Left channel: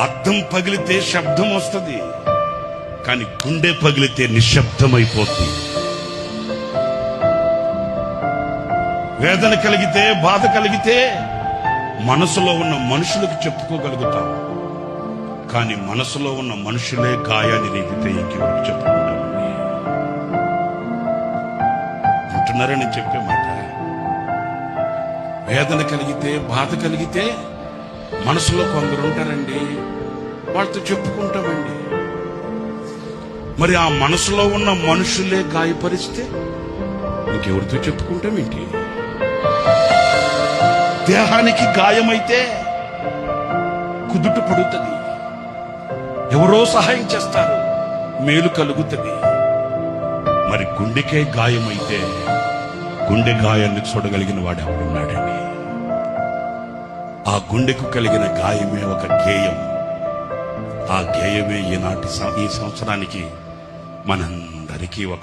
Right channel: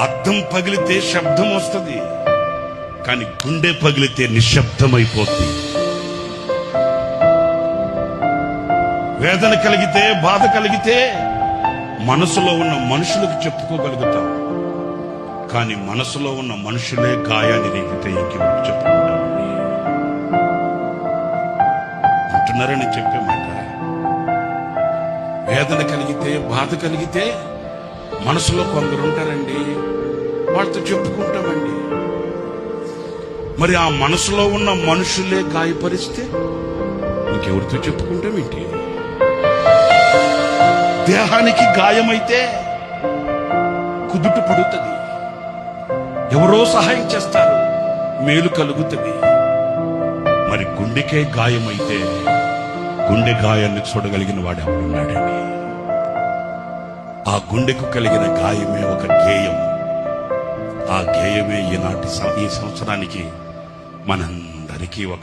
అద్దం పగిలితే శబ్దం వస్తుంది, కానీ గుండె పగిలితే నిశ్శబ్దమైపోద్ది. వేదన కలిగితే, బాధ కలిగితే మనసులో ఉన్న మనుషులకు చెప్పుకోగలుగుతాం, కానీ మనసులో ఉన్న మనుషులే గాయాన్ని రేగితే ఇంకెవరికి చెప్పుకుంటామండి? అంటున్నారా నేను చెప్పే మాట? వేదన కలిగితే, బాధ కలిగితే మనసులో కొందరు ఉంటారండి, వాళ్ళతో చెప్పుకుంటామండి. మరి ఆ మనసులో ఉన్న మనుషులే గాయపరిస్తే ఇంకెవరితో చెప్పుకుంటామేంటి? దేహానికి గాయమైతే కుదుట పడుతుంది, ఎవరో సహాయం చేస్తారు, మేలు కలుగుతుంది. మరి గుండెకే గాయమైతే గుండె గాయాన్ని చూడగలిగిన వాడు ఎవడున్నాడండి? ఆ గుండెకు కలిగిన గాయమే ఒక గేయం. ఆ గేయమే ఈ సంవత్సరానికి మనందరికీ ఒక